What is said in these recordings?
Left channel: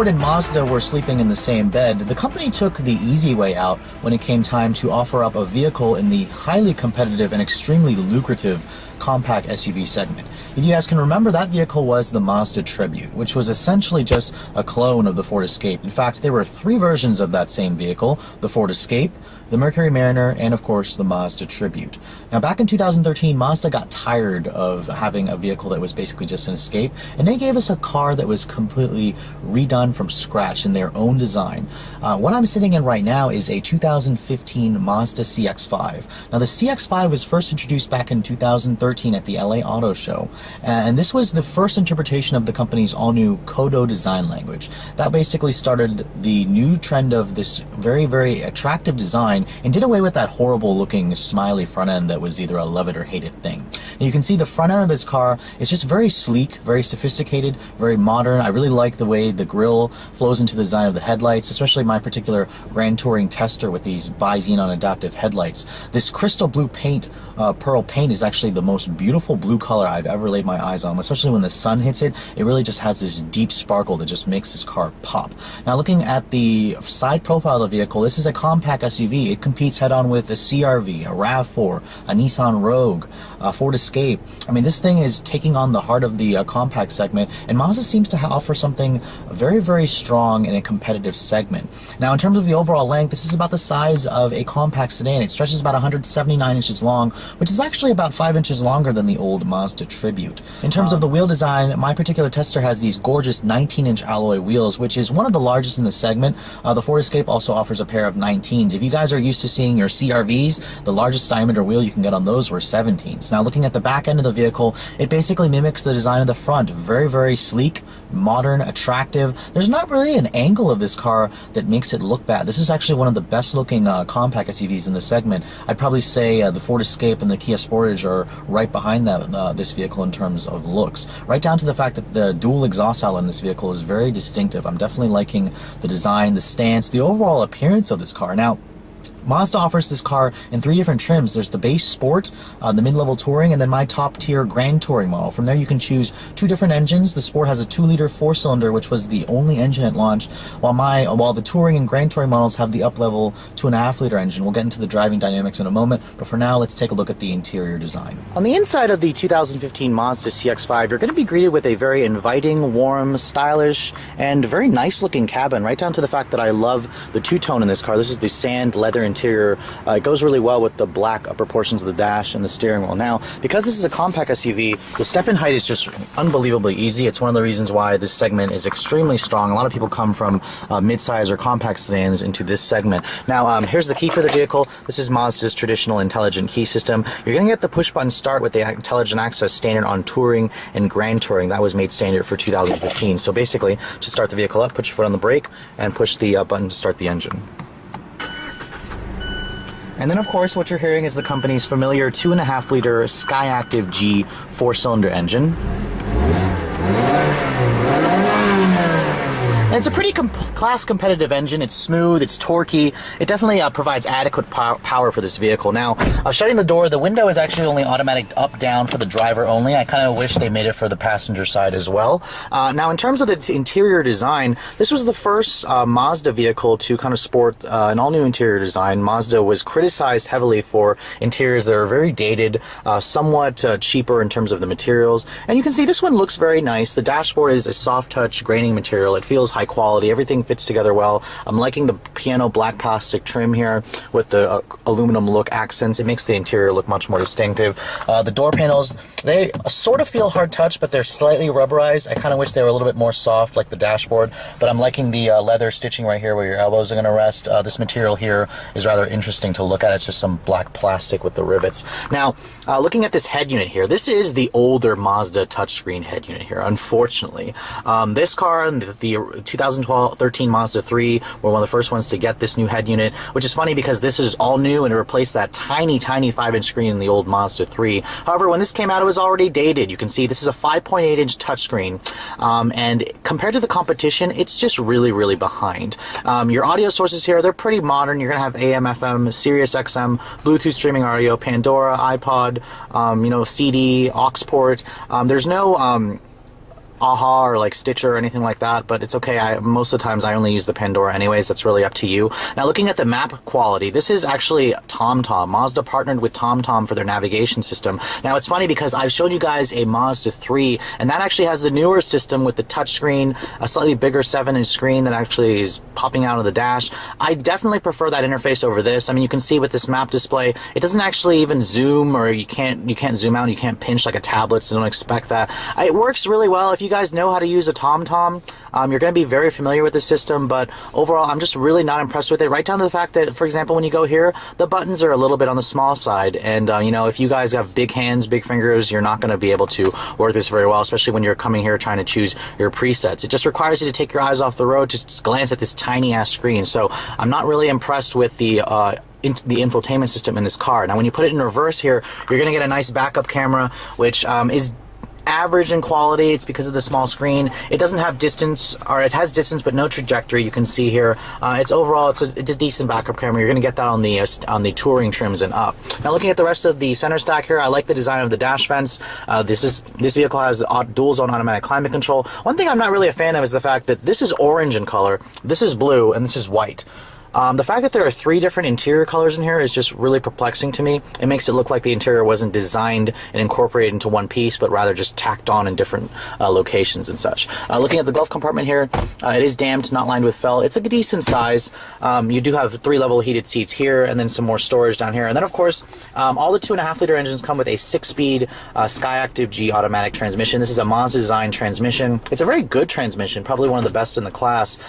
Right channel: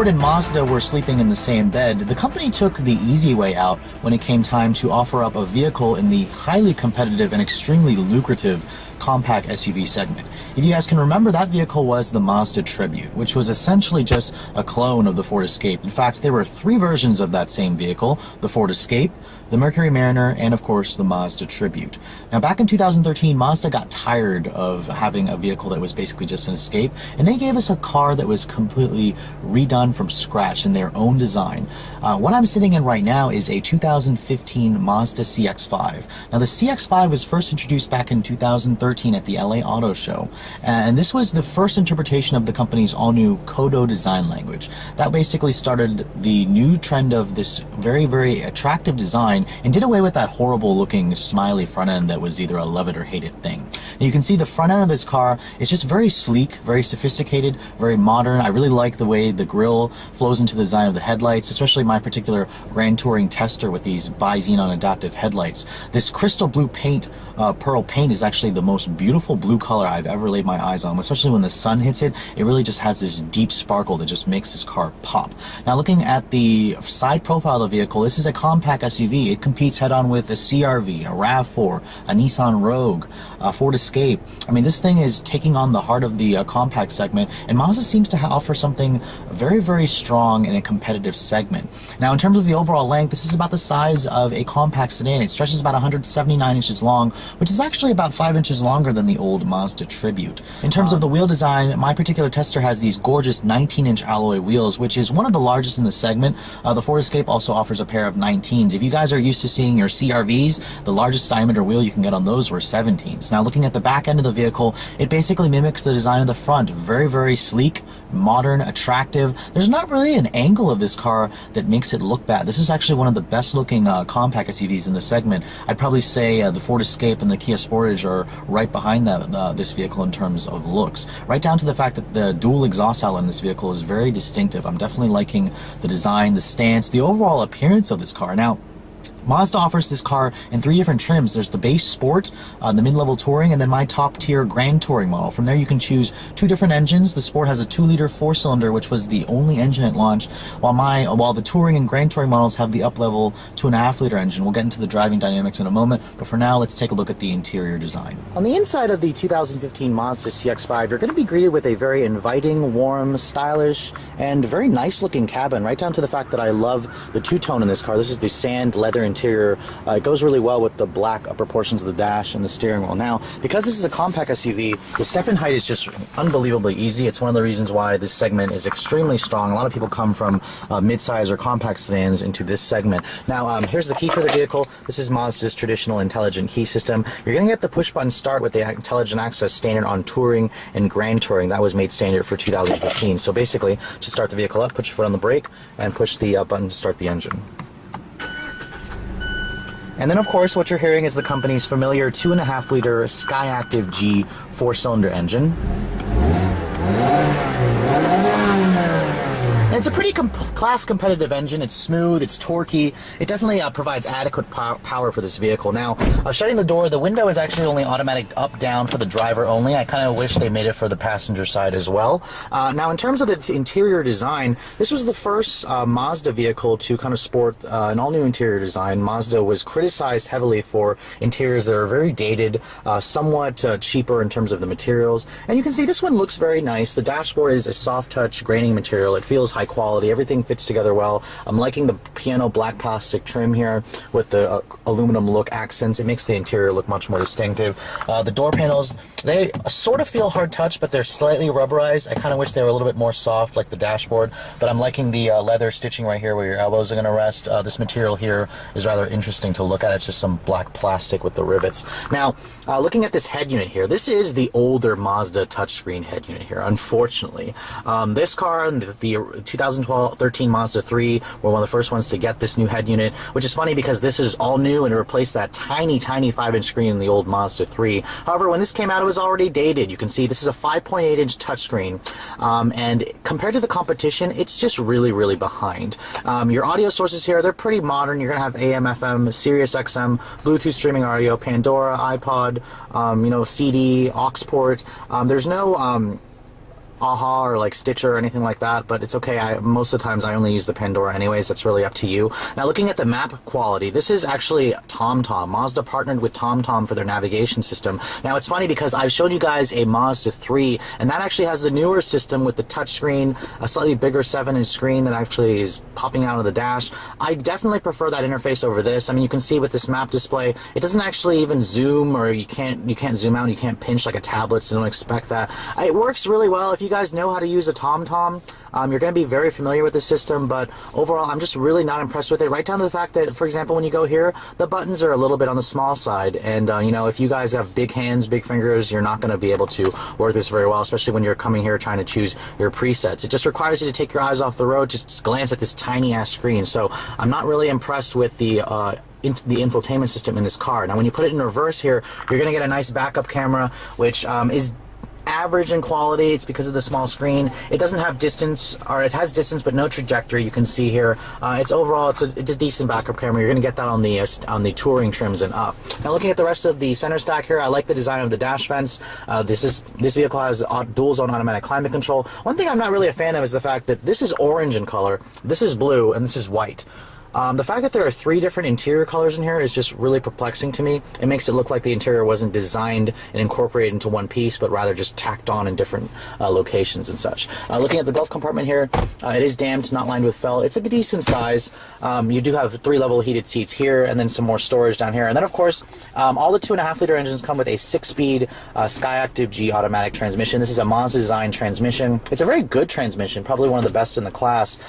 Ford and Mazda were sleeping in the same bed, the company took the easy way out when it came time to offer up a vehicle in the highly competitive and extremely lucrative compact SUV segment. If you guys can remember, that vehicle was the Mazda Tribute, which was essentially just a clone of the Ford Escape. In fact, there were 3 versions of that same vehicle: the Ford Escape, the Mercury Mariner, and of course the Mazda Tribute. Now back in 2013, Mazda got tired of having a vehicle that was basically just an Escape, and they gave us a car that was completely redone from scratch in their own design. What I'm sitting in right now is a 2015 Mazda CX-5. Now the CX-5 was first introduced back in 2013 at the LA Auto Show, and this was the first interpretation of the company's all-new Kodo design language. That basically started the new trend of this very, very attractive design and did away with that horrible looking smiley front end that was either a love it or hate it thing. And you can see the front end of this car is just very sleek, very sophisticated, very modern. I really like the way the grille flows into the design of the headlights, especially my particular Grand Touring Tester with these bi-xenon adaptive headlights. This crystal blue paint, pearl paint, is actually the most beautiful blue color I've ever laid my eyes on, especially when the sun hits it. It really just has this deep sparkle that just makes this car pop. Now looking at the side profile of the vehicle, this is a compact SUV. It competes head-on with a CR-V, a RAV4, a Nissan Rogue, a Ford Escape. I mean, this thing is taking on the heart of the compact segment, and Mazda seems to offer something very, very strong in a competitive segment. Now in terms of the overall length, this is about the size of a compact sedan. It stretches about 179 inches long, which is actually about 5 inches longer than the old Mazda Tribute. In terms of the wheel design, my particular tester has these gorgeous 19-inch alloy wheels, which is one of the largest in the segment. The Ford Escape also offers a pair of 19s. If you guys are used to seeing your CR-Vs, the largest diameter wheel you can get on those were 17s. Now looking at the back end of the vehicle, it basically mimics the design of the front. Very, very sleek, modern, attractive. There's not really an angle of this car that makes it look bad. This is actually one of the best looking compact SUVs in the segment. I'd probably say the Ford Escape and the Kia Sportage are right behind this vehicle in terms of looks. Right down to the fact that the dual exhaust outlet in this vehicle is very distinctive. I'm definitely liking the design, the stance, the overall appearance of this car. Now, Mazda offers this car in 3 different trims. There's the base Sport, the mid-level Touring, and then my top-tier Grand Touring model. From there you can choose 2 different engines. The Sport has a 2-liter 4-cylinder, which was the only engine at launch, while the Touring and Grand Touring models have the up-level 2.5-liter engine. We'll get into the driving dynamics in a moment, but for now, let's take a look at the interior design. On the inside of the 2015 Mazda CX-5, you're going to be greeted with a very inviting, warm, stylish, and very nice-looking cabin, right down to the fact that I love the two-tone in this car. This is the sand leather interior. It goes really well with the black upper portions of the dash and the steering wheel. Now, because this is a compact SUV, the step-in height is just unbelievably easy. It's one of the reasons why this segment is extremely strong. A lot of people come from mid-size or compact sedans into this segment. Now, here's the key for the vehicle. This is Mazda's traditional intelligent key system. You're going to get the push-button start with the intelligent access standard on Touring and Grand Touring. That was made standard for 2015. So basically, to start the vehicle up, put your foot on the brake and push the button to start the engine. And then, of course, what you're hearing is the company's familiar 2.5-liter Skyactiv G 4-cylinder engine. And it's a pretty class competitive engine. It's smooth, it's torquey. It definitely provides adequate power for this vehicle. Now, shutting the door, the window is actually only automatic up-down for the driver only. I kind of wish they made it for the passenger side as well. Now, in terms of the interior design, this was the first Mazda vehicle to kind of sport an all-new interior design. Mazda was criticized heavily for interiors that are very dated, somewhat cheaper in terms of the materials. And you can see this one looks very nice. The dashboard is a soft-touch graining material. It feels high quality. Everything fits together well. I'm liking the piano black plastic trim here with the aluminum look accents. It makes the interior look much more distinctive. The door panels, they sort of feel hard touch, but they're slightly rubberized. I kind of wish they were a little bit more soft like the dashboard, but I'm liking the leather stitching right here where your elbows are going to rest. This material here is rather interesting to look at. It's just some black plastic with the rivets. Now, looking at this head unit here, this is the older Mazda touchscreen head unit here, unfortunately. This car, the 2013 Mazda 3 were one of the first ones to get this new head unit, which is funny because this is all new and it replaced that tiny 5-inch screen in the old Mazda 3. However, when this came out, it was already dated. You can see this is a 5.8-inch touchscreen, and compared to the competition, it's just really behind. Your audio sources here, they're pretty modern. You're gonna have AM, FM, Sirius XM, Bluetooth streaming audio, Pandora, iPod, CD, aux port. There's no AHA or like Stitcher or anything like that, but it's okay. Most of the times I only use the Pandora anyways. That's really up to you. Now, looking at the map quality, this is actually TomTom. Mazda partnered with TomTom for their navigation system. Now, it's funny because I've shown you guys a Mazda 3, and that actually has the newer system with the touchscreen, a slightly bigger 7-inch screen that actually is popping out of the dash. I definitely prefer that interface over this. I mean, you can see with this map display, it doesn't actually even zoom, or you can't zoom out, you can't pinch like a tablet, so don't expect that. It works really well. If you guys know how to use a TomTom, you're going to be very familiar with the system, but overall, I'm just really not impressed with it. Right down to the fact that, for example, when you go here, the buttons are a little bit on the small side, and you know, if you guys have big hands, big fingers, you're not going to be able to work this very well, especially when you're coming here trying to choose your presets. It just requires you to take your eyes off the road, just glance at this tiny ass screen. So I'm not really impressed with the infotainment system in this car. Now, when you put it in reverse here, you're going to get a nice backup camera, which is average in quality. It's because of the small screen. It doesn't have distance, or it has distance but no trajectory. You can see here. It's overall it's a decent backup camera. You're going to get that on the touring trims and up. Now, looking at the rest of the center stack here, I like the design of the dash vents. This vehicle has dual zone automatic climate control. One thing I'm not really a fan of is the fact that this is orange in color, this is blue, and this is white. The fact that there are 3 different interior colors in here is just really perplexing to me. It makes it look like the interior wasn't designed and incorporated into one piece, but rather just tacked on in different locations and such. Looking at the glove compartment here, it is damped, not lined with felt. It's a decent size. You do have 3-level heated seats here, and then some more storage down here. And then, of course, all the 2.5-liter engines come with a 6-speed Skyactiv G automatic transmission. This is a Mazda design transmission. It's a very good transmission, probably one of the best in the class.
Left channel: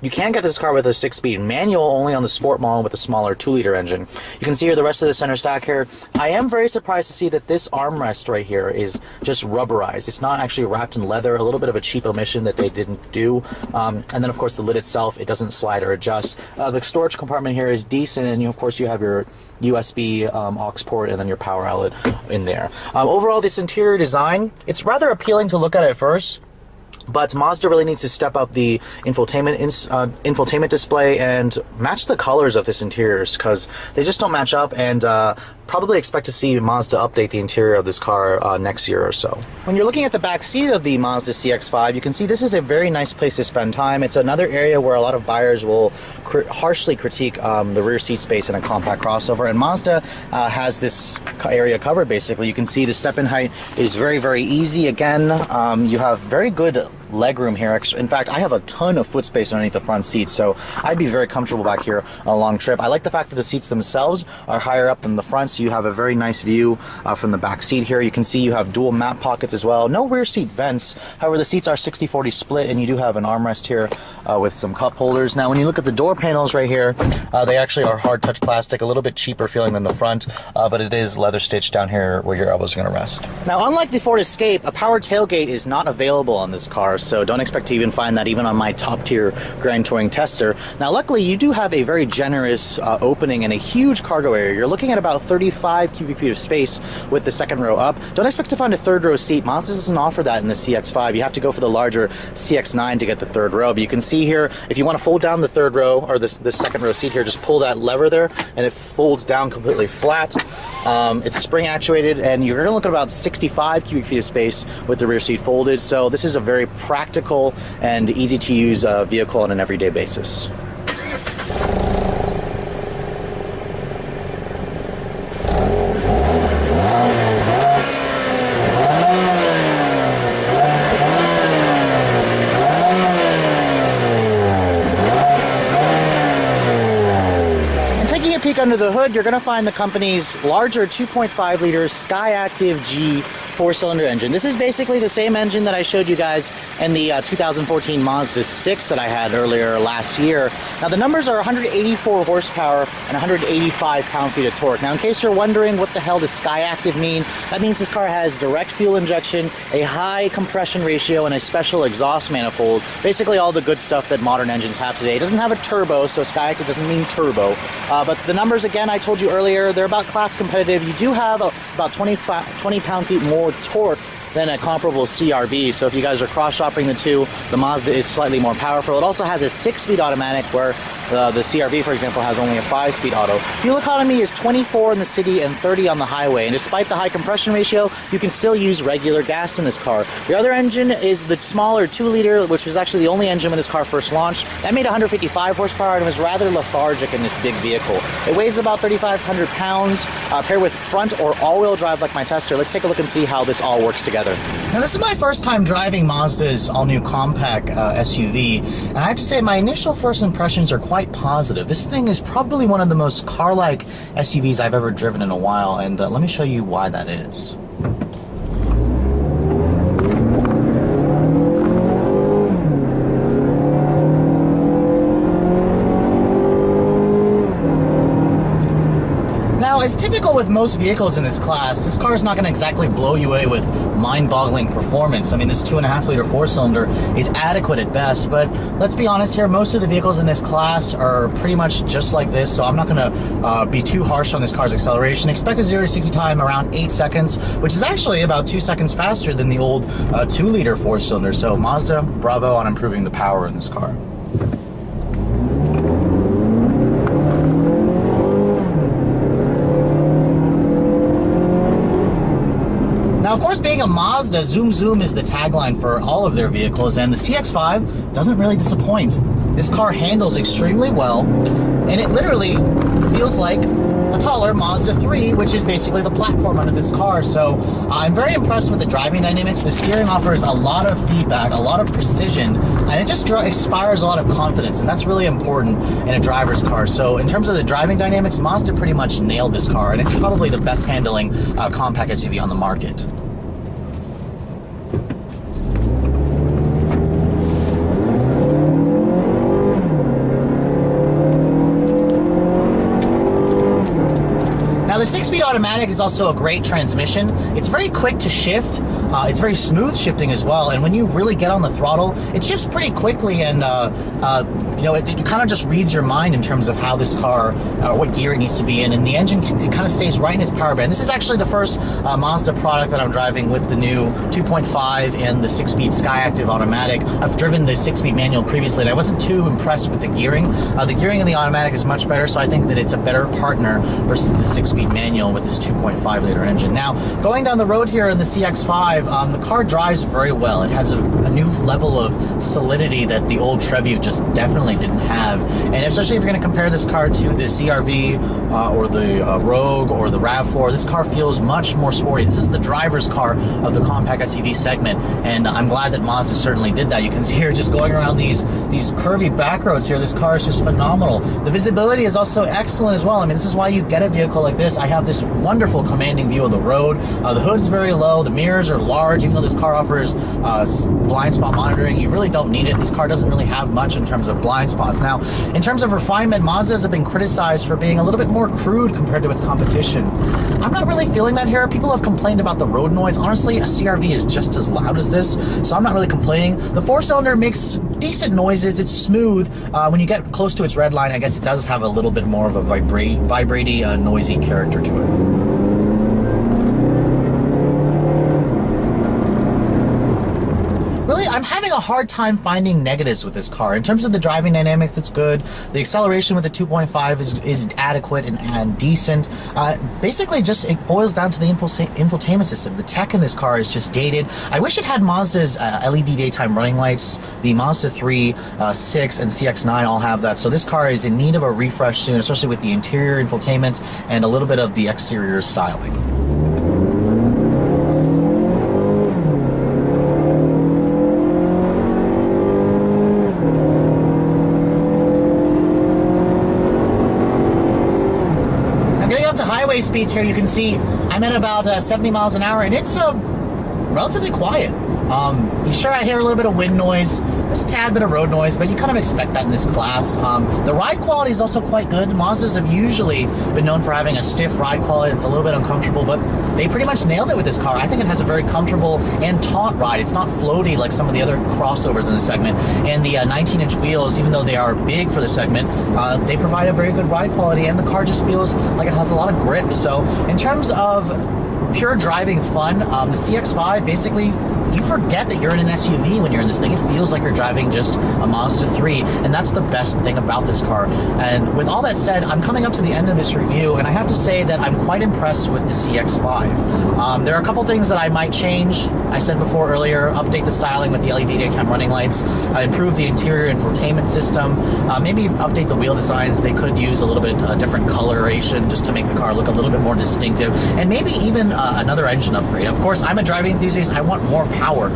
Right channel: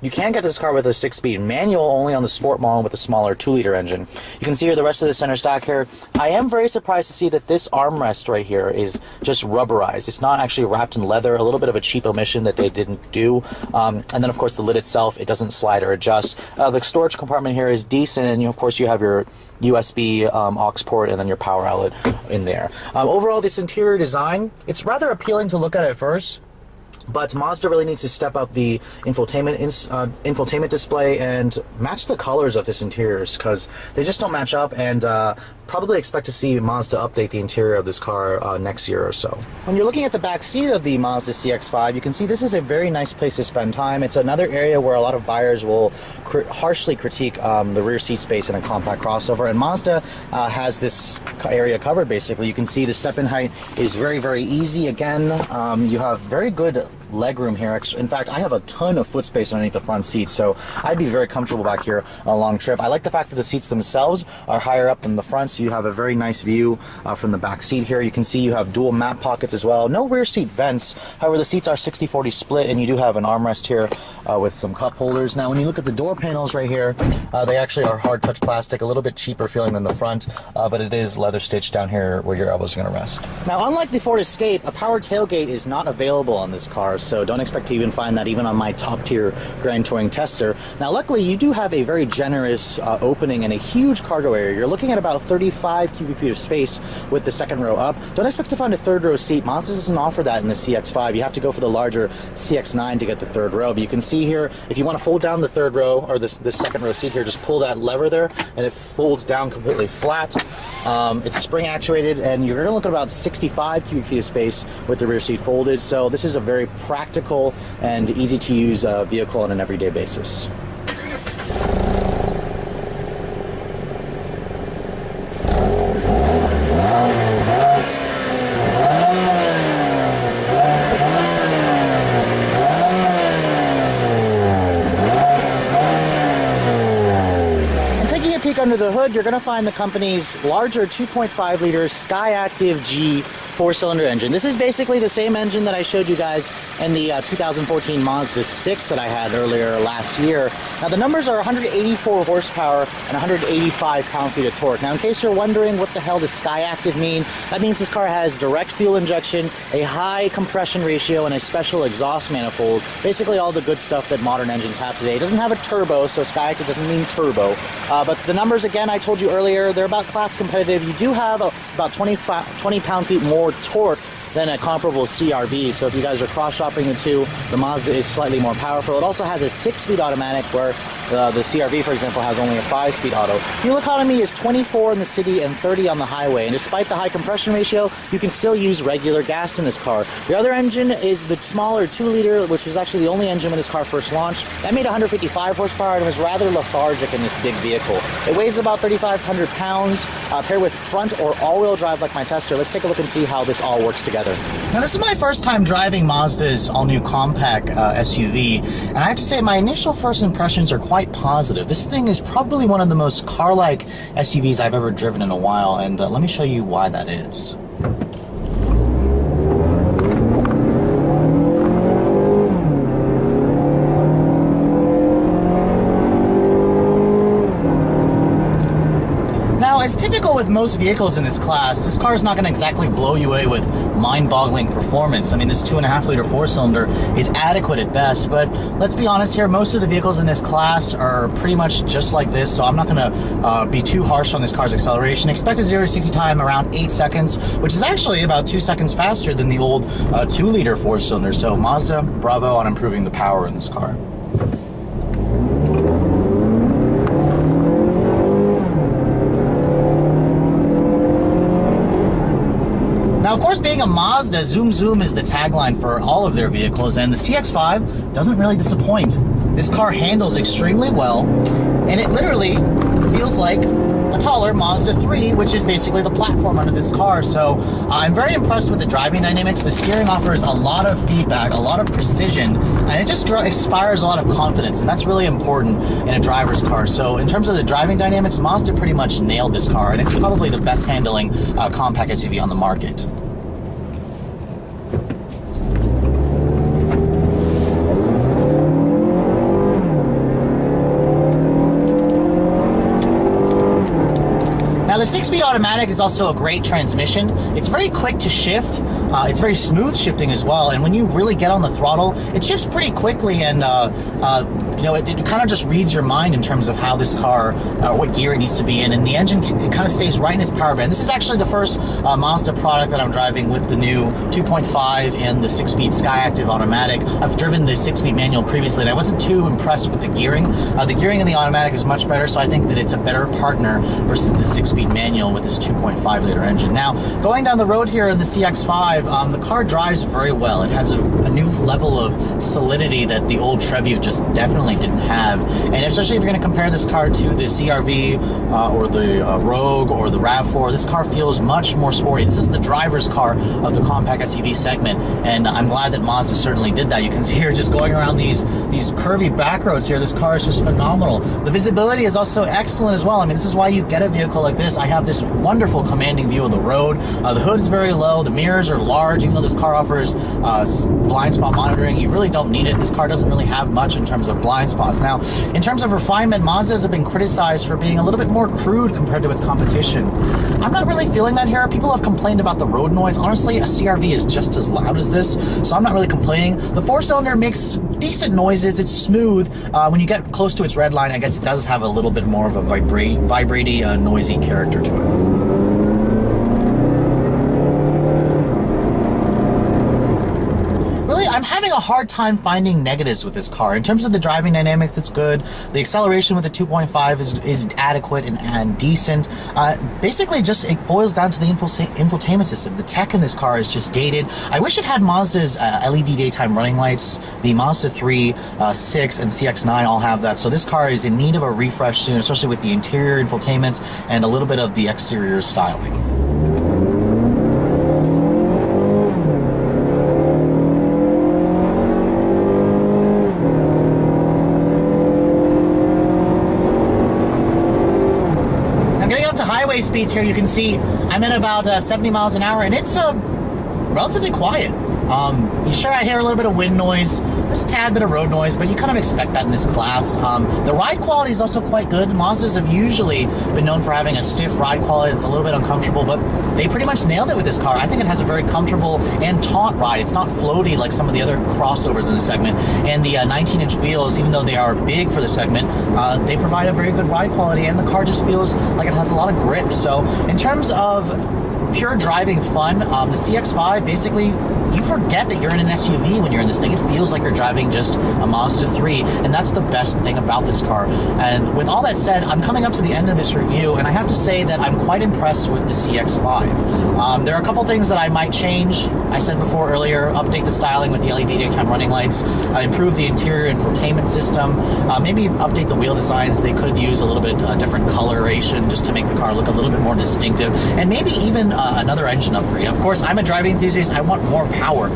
You can get this car with a 6-speed manual, only on the Sport model with a smaller 2-liter engine. You can see here the rest of the center stack here. I am very surprised to see that this armrest right here is just rubberized. It's not actually wrapped in leather, a little bit of a cheap omission that they didn't do. And then, of course, the lid itself, it doesn't slide or adjust. The storage compartment here is decent, and of course you have your USB aux port and then your power outlet in there. Overall, this interior design, it's rather appealing to look at first. But Mazda really needs to step up the infotainment display and match the colors of this interiors, because they just don't match up, and probably expect to see Mazda update the interior of this car next year or so. When you're looking at the back seat of the Mazda CX-5, you can see this is a very nice place to spend time. It's another area where a lot of buyers will harshly critique the rear seat space in a compact crossover, and Mazda has this area covered basically. You can see the step-in height is very, very easy. Again, you have very good legroom here. In fact, I have a ton of foot space underneath the front seats, so I'd be very comfortable back here on a long trip. I like the fact that the seats themselves are higher up than the front, so you have a very nice view from the back seat here. You can see you have dual map pockets as well. No rear seat vents. However, the seats are 60-40 split, and you do have an armrest here with some cup holders. Now, when you look at the door panels right here, they actually are hard touch plastic, a little bit cheaper feeling than the front, but it is leather stitched down here where your elbows are going to rest. Now, unlike the Ford Escape, a power tailgate is not available on this car, so don't expect to even find that even on my top tier Grand Touring tester. Now, luckily, you do have a very generous opening and a huge cargo area. You're looking at about 35 cubic feet of space with the second row up. Don't expect to find a third row seat. Mazda doesn't offer that in the CX-5. You have to go for the larger CX-9 to get the third row. But you can see here, if you want to fold down the third row, or the second row seat here, just pull that lever there, and it folds down completely flat. It's spring actuated, and you're going to look at about 65 cubic feet of space with the rear seat folded. So this is a very practical and easy to use vehicle on an everyday basis. Under the hood, you're going to find the company's larger 2.5-liter Skyactiv G 4-cylinder engine. This is basically the same engine that I showed you guys in the 2014 Mazda 6 that I had earlier last year. Now, the numbers are 184 horsepower and 185 pound-feet of torque. Now, in case you're wondering what the hell does Skyactiv mean, that means this car has direct fuel injection, a high compression ratio, and a special exhaust manifold. Basically all the good stuff that modern engines have today. It doesn't have a turbo, so Skyactiv doesn't mean turbo. But the numbers, again, I told you earlier, they're about class competitive. You do have about 20 pound-feet more torque than a comparable CR-V. So if you guys are cross-shopping the two, the Mazda is slightly more powerful. It also has a 6-speed automatic, where the CR-V, for example, has only a 5-speed auto. Fuel economy is 24 in the city and 30 on the highway, and despite the high compression ratio, you can still use regular gas in this car. The other engine is the smaller 2-liter, which was actually the only engine when this car first launched. That made 155 horsepower and was rather lethargic in this big vehicle. It weighs about 3,500 pounds, paired with front or all-wheel drive like my Tester. Let's take a look and see how this all works together. Now, this is my first time driving Mazda's all-new compact SUV, and I have to say my initial first impressions are quite positive. This thing is probably one of the most car-like SUVs I've ever driven in a while, and let me show you why that is. Now, as typical with most vehicles in this class, this car is not going to exactly blow you away with mind-boggling performance. I mean, this 2.5-liter four-cylinder is adequate at best, but let's be honest here, most of the vehicles in this class are pretty much just like this, so I'm not going to be too harsh on this car's acceleration. Expected 0 to 60 time around 8 seconds, which is actually about 2 seconds faster than the old 2-liter four-cylinder, so Mazda, bravo on improving the power in this car. Now, of course, being a Mazda, zoom zoom is the tagline for all of their vehicles, and the CX-5 doesn't really disappoint. This car handles extremely well, and it literally feels like a taller Mazda 3, which is basically the platform under this car. So I'm very impressed with the driving dynamics. The steering offers a lot of feedback, a lot of precision, and it just inspires a lot of confidence, and that's really important in a driver's car. So in terms of the driving dynamics, Mazda pretty much nailed this car, and it's probably the best handling compact SUV on the market. Now, the 6-speed automatic is also a great transmission. It's very quick to shift. It's very smooth shifting as well, and when you really get on the throttle, it shifts pretty quickly, and you know, it kind of just reads your mind in terms of how this car, what gear it needs to be in, and the engine, it kind of stays right in its power band. This is actually the first Mazda product that I'm driving with the new 2.5 and the 6-speed Skyactiv automatic. I've driven the 6-speed manual previously, and I wasn't too impressed with the gearing. The gearing in the automatic is much better, so I think that it's a better partner versus the 6-speed manual with this 2.5-liter engine. Now, going down the road here in the CX-5, the car drives very well. It has a new level of solidity that the old Tribute just definitely didn't have, and especially if you're going to compare this car to the CR-V or the Rogue or the RAV4, this car feels much more sporty. This is the driver's car of the compact SUV segment, and I'm glad that Mazda certainly did that. You can see here just going around these curvy back roads here, this car is just phenomenal. The visibility is also excellent as well. I mean, this is why you get a vehicle like this. I have this wonderful commanding view of the road. The hood's very low, the mirrors are large, even though this car offers blind spot monitoring. You really don't need it. This car doesn't really have much in terms of blind spots. Now, in terms of refinement, Mazdas have been criticized for being a little bit more crude compared to its competition. I'm not really feeling that here. People have complained about the road noise. Honestly, a CR-V is just as loud as this, so I'm not really complaining. The four-cylinder makes decent noises. It's smooth. When you get close to its red line, I guess it does have a little bit more of a vibraty, noisy character to it. Really, I'm having a hard time finding negatives with this car. In terms of the driving dynamics, it's good. The acceleration with the 2.5 is adequate and decent. Basically, just it boils down to the infotainment system. The tech in this car is just dated. I wish it had Mazda's LED daytime running lights. The Mazda 3, 6, and CX-9 all have that. So this car is in need of a refresh soon, especially with the interior infotainments and a little bit of the exterior styling. Highway speeds here, you can see I'm at about 70 miles an hour, and it's relatively quiet. Sure, I hear a little bit of wind noise, there's a tad bit of road noise, but you kind of expect that in this class. The ride quality is also quite good. Mazdas have usually been known for having a stiff ride quality. It's a little bit uncomfortable, but they pretty much nailed it with this car. I think it has a very comfortable and taut ride. It's not floaty like some of the other crossovers in the segment. And the 19-inch wheels, even though they are big for the segment, they provide a very good ride quality, and the car just feels like it has a lot of grip. So in terms of pure driving fun. The CX-5, basically, you forget that you're in an SUV when you're in this thing. It feels like you're driving just a Mazda 3, and that's the best thing about this car. And with all that said, I'm coming up to the end of this review, and I have to say that I'm quite impressed with the CX-5. There are a couple things that I might change. I said before earlier, update the styling with the LED daytime running lights, improve the interior infotainment system, maybe update the wheel designs. They could use a little bit different coloration just to make the car look a little bit more distinctive, and maybe even another engine upgrade. Of course, I'm a driving enthusiast. I want more power.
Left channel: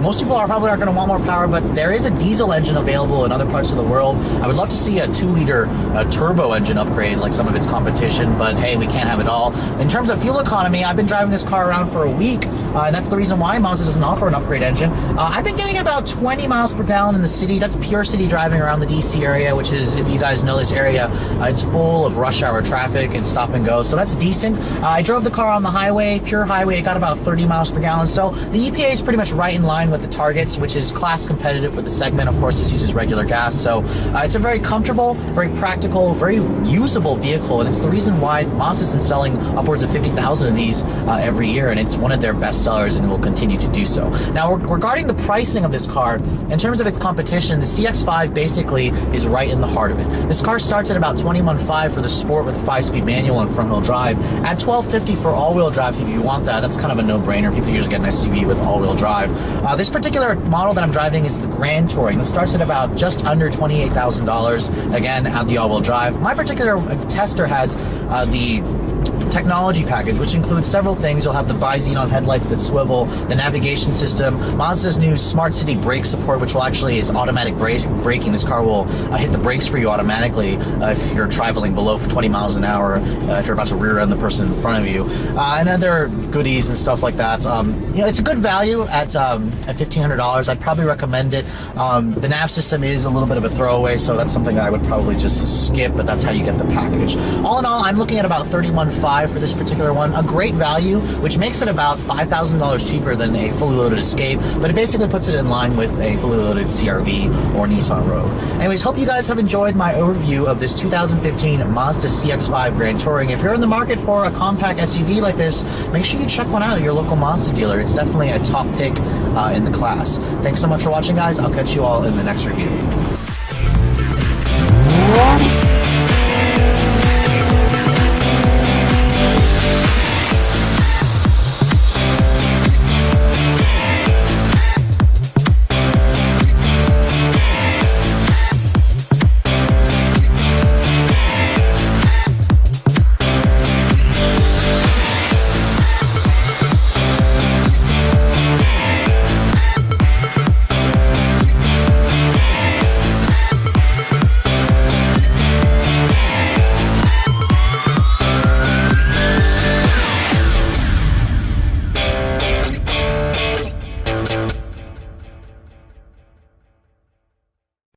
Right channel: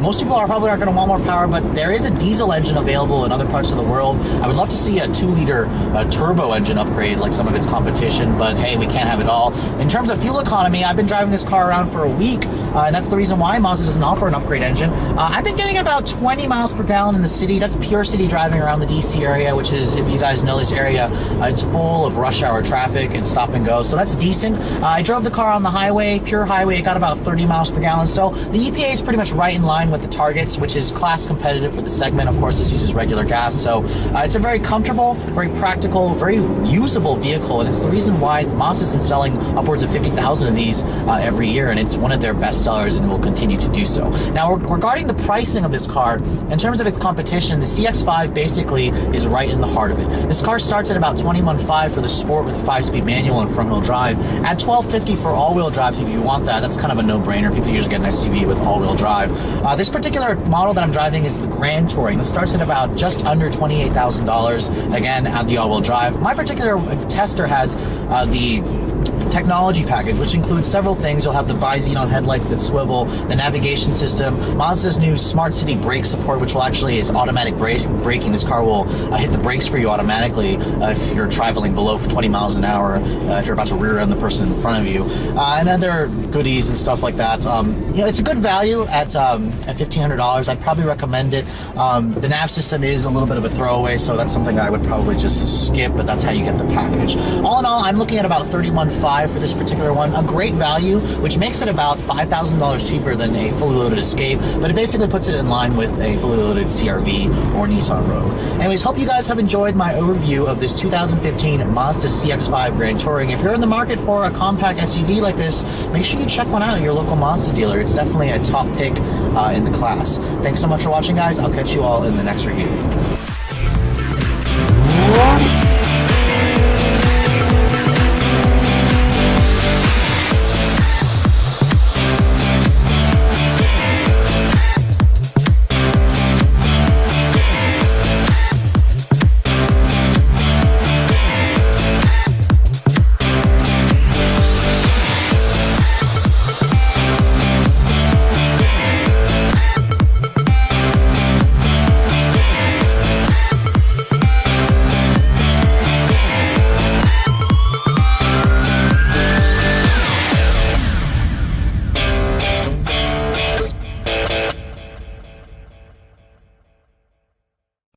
Most people probably aren't going to want more power, but there is a diesel engine available in other parts of the world. I would love to see a 2-liter turbo engine upgrade like some of its competition, but hey, we can't have it all. In terms of fuel economy, I've been driving this car around for a week, and that's the reason why Mazda doesn't offer an upgrade engine. I've been getting about 20 miles per gallon in the city. That's pure city driving around the DC area, which is, if you guys know this area, it's full of rush hour traffic and stop and go, so that's decent. I drove the car on the highway, pure highway. It got about 30 miles per gallon, so the EPA is pretty much right in line with the targets, which is class competitive for the segment. Of course, this uses regular gas, so it's a very comfortable, very practical, very usable vehicle, and it's the reason why Mazda's been selling upwards of 50,000 of these every year, and it's one of their best sellers and will continue to do so. Now, regarding the pricing of this car, in terms of its competition, the CX-5 basically is right in the heart of it. This car starts at about $21,500 for the Sport with a 5-speed manual and front-wheel drive, at $12,50 for all-wheel drive if you want that. That's kind of a no-brainer. People usually get an SUV with all-wheel drive. This particular model that I'm driving is the Grand Touring. It starts at about just under $28,000, again, at the all-wheel drive. My particular tester has the technology package, which includes several things. You'll have the bi-xenon headlights that swivel, the navigation system, Mazda's new Smart City brake support, which will actually is automatic braking. This car will hit the brakes for you automatically if you're traveling below 20 miles an hour, if you're about to rear end the person in front of you, and other goodies and stuff like that. You know, it's a good value at $1,500. I'd probably recommend it. The nav system is a little bit of a throwaway, so that's something that I would probably just skip, but that's how you get the package. All in all, I'm looking at about $31,500 for this particular one. A great value, which makes it about $5,000 cheaper than a fully loaded Escape, but it basically puts it in line with a fully loaded CR-V or Nissan Rogue. Anyways, hope you guys have enjoyed my overview of this 2015 Mazda CX-5 Grand Touring. If you're in the market for a compact SUV like this, make sure you check one out at your local Mazda dealer. It's definitely a top pick in the class. Thanks so much for watching, guys. I'll catch you all in the next review.